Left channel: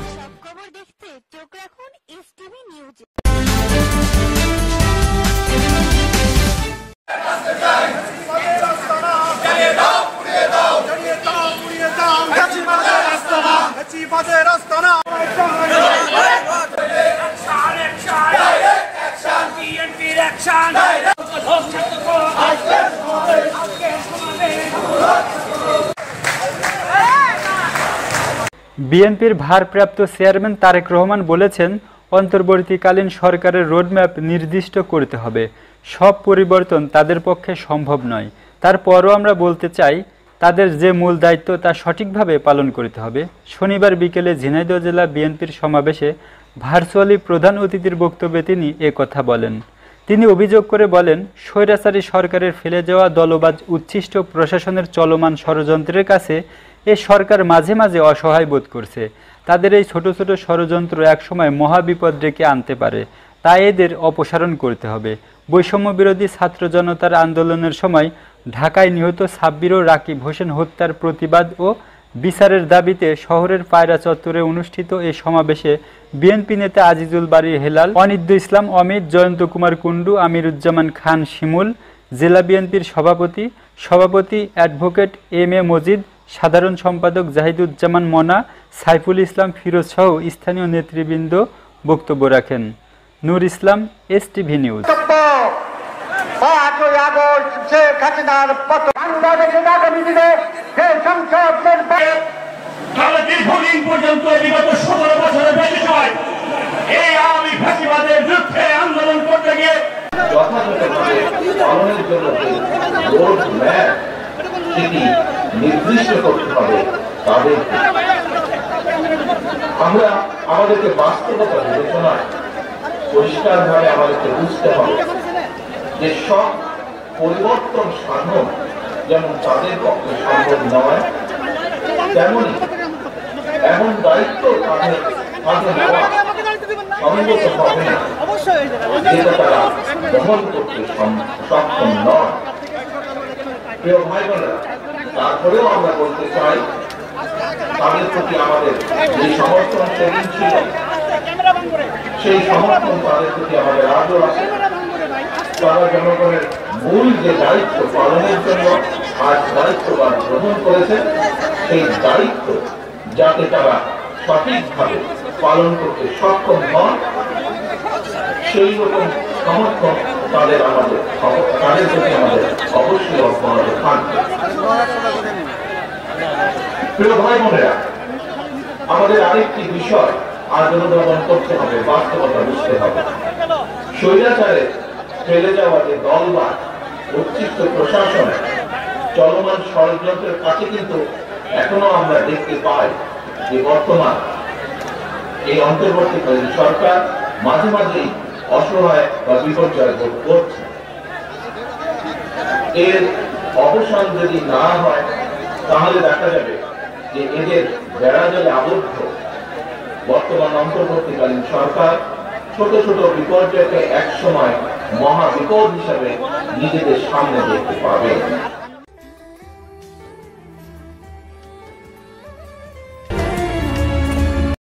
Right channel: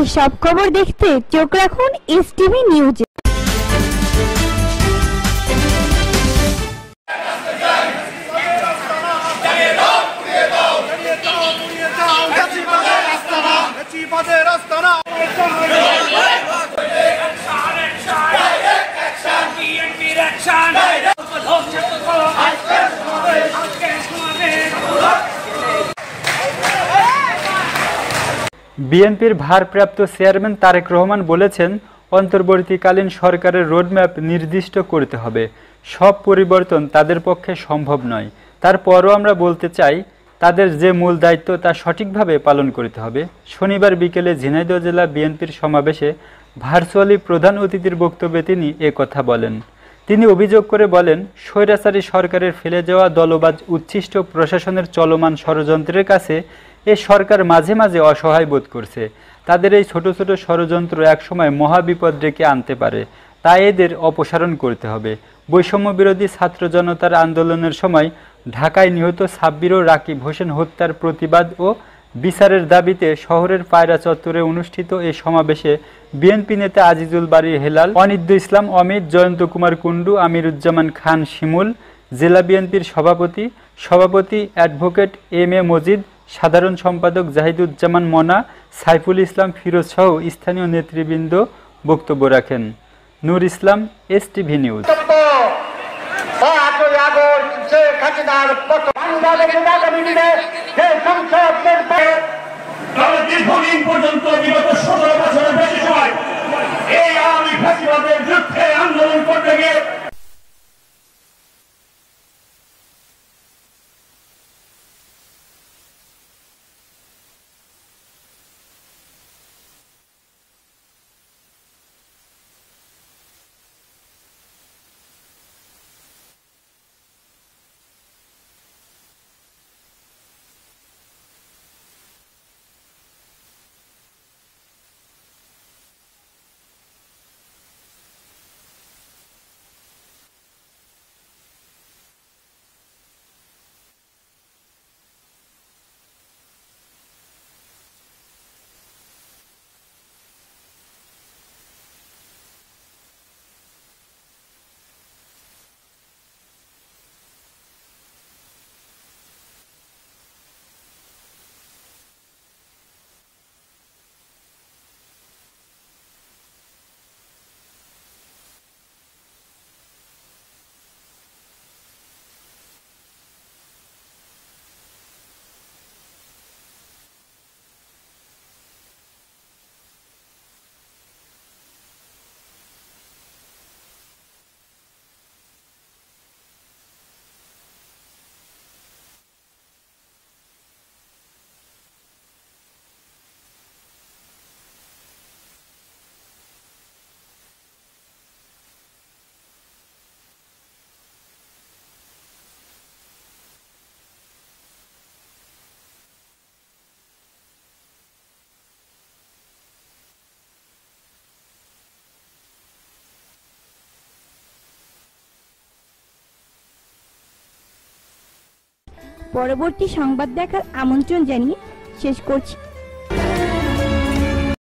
দেশের সব খবর দেখতে চোখ রাখুন এসটিভি নিউজে। বিএনপির ভারপ্রাপ্ত চেয়ারম্যান তারেক রহমান বলেছেন, অন্তর্বর্তীকালীন সরকারের রোডম্যাপ নির্দিষ্ট করতে হবে। সব পরিবর্তন তাদের পক্ষে সম্ভব নয়। তারপরও আমরা বলতে চাই, তাদের যে মূল দায়িত্ব তা সঠিকভাবে পালন করতে হবে। শনিবার বিকেলে ঝিনাইদহ জেলা বিএনপির সমাবেশে ভার্চুয়ালি প্রধান অতিথির বক্তব্যে তিনি কথা বলেন। তিনি অভিযোগ করে বলেন, স্বৈরাচারী সরকারের ফেলে যাওয়া দলবাজ উচ্ছিষ্ট প্রশাসনের চলমান ষড়যন্ত্রের কাছে এ সরকার মাঝে মাঝে অসহায় বোধ করছে। তাদের এই ছোট ছোট ষড়যন্ত্র একসময় মহাবিপদ ডেকে আনতে পারে, তাই এদের অপসারণ করতে হবে। বৈষম্য বিরোধী ছাত্র জনতার আন্দোলনের সময় ঢাকায় নিহত সাব্বির ও রাকিব হোসেন হত্যার প্রতিবাদ ও বিচারের দাবিতে শহরের পায়রা চত্বরে অনুষ্ঠিত এই সমাবেশে বিএনপি নেতা আজিজুল বারী হেলাল, অনিদ্য ইসলাম অমিত, জয়ন্ত কুমার কুণ্ডু, আমিরুজ্জামান খান শিমুল, জেলা বিএনপির সভাপতি অ্যাডভোকেট এম এ মজিদ, সাধারণ সম্পাদক জাহিদুজ্জামান মনা, সাইফুল ইসলাম ফিরোজ সহ স্থানীয় নেতৃবৃন্দ বক্তব্য রাখেন। নূর ইসলাম, এসটিভি নিউজ। নির্দিষ্ট করতে হবে তাদের। আমরা আমাদেরকে বাস্তবতা বিবেচনায় পরিষ্কারভাবে আমাদেরকে বুঝতে হবে যে সব পরিবর্তন সাধন যেমন তাদের পক্ষে সম্ভব নয়, তেমনি এমন দায়িত্ব তাদের নেওয়া সঙ্গত হবে না যেটা তারা বহন করতে সক্ষম নয়। প্রিয় ভাই বোনেরা, তারপরেও আমরা বলতে চাই, তাদের প্রতি আমাদের যে সমর্থন সেদিন ছিল, সেই সমর্থন তাদের প্রতি আমাদের আজও আছে। তারা জনগণের মূল যে দায়িত্ব পালনের জন্য আজ দায়িত্বভার গ্রহণ করেছে, সেই দায়িত্ব যাতে তারা সঠিকভাবে পালন করতে সক্ষম হন, সেই রকম সমর্থন তাদের প্রতি আমাদের অবশ্যই অব্যাহত থাকবে। প্রিয় ভাই বোনেরা, আমাদের আরেকটি বিষয় আজ অনুধাবন করতে হবে, বাস্তবতা বুঝতে হবে। স্বৈরাচারে ফেলে যাওয়া যে দলবাজ উচ্ছিষ্ট প্রশাসন চলমান ষড়যন্ত্রের কাছে কিন্তু এখনো আমরা দেখতে পাই যে বর্তমান এই অন্তর্বর্তীকালীন সরকার মাঝে মাঝেই অসহায় বা বিপর্যয় বোধ করছে। এর অবসান যদি না হয়, তাহলে দেখা যাবে যে এদের বেড়াজালে আবদ্ধ বর্তমান অন্তর্বর্তীকালীন সরকার ছোট ছোট বিপর্যয়কে একসময় মহা বিপদ হিসাবে নিজেদের সামনে দেখতে পাবে। পরবর্তী সংবাদ দেখার আমন্ত্রণ জানিয়ে শেষ করছি।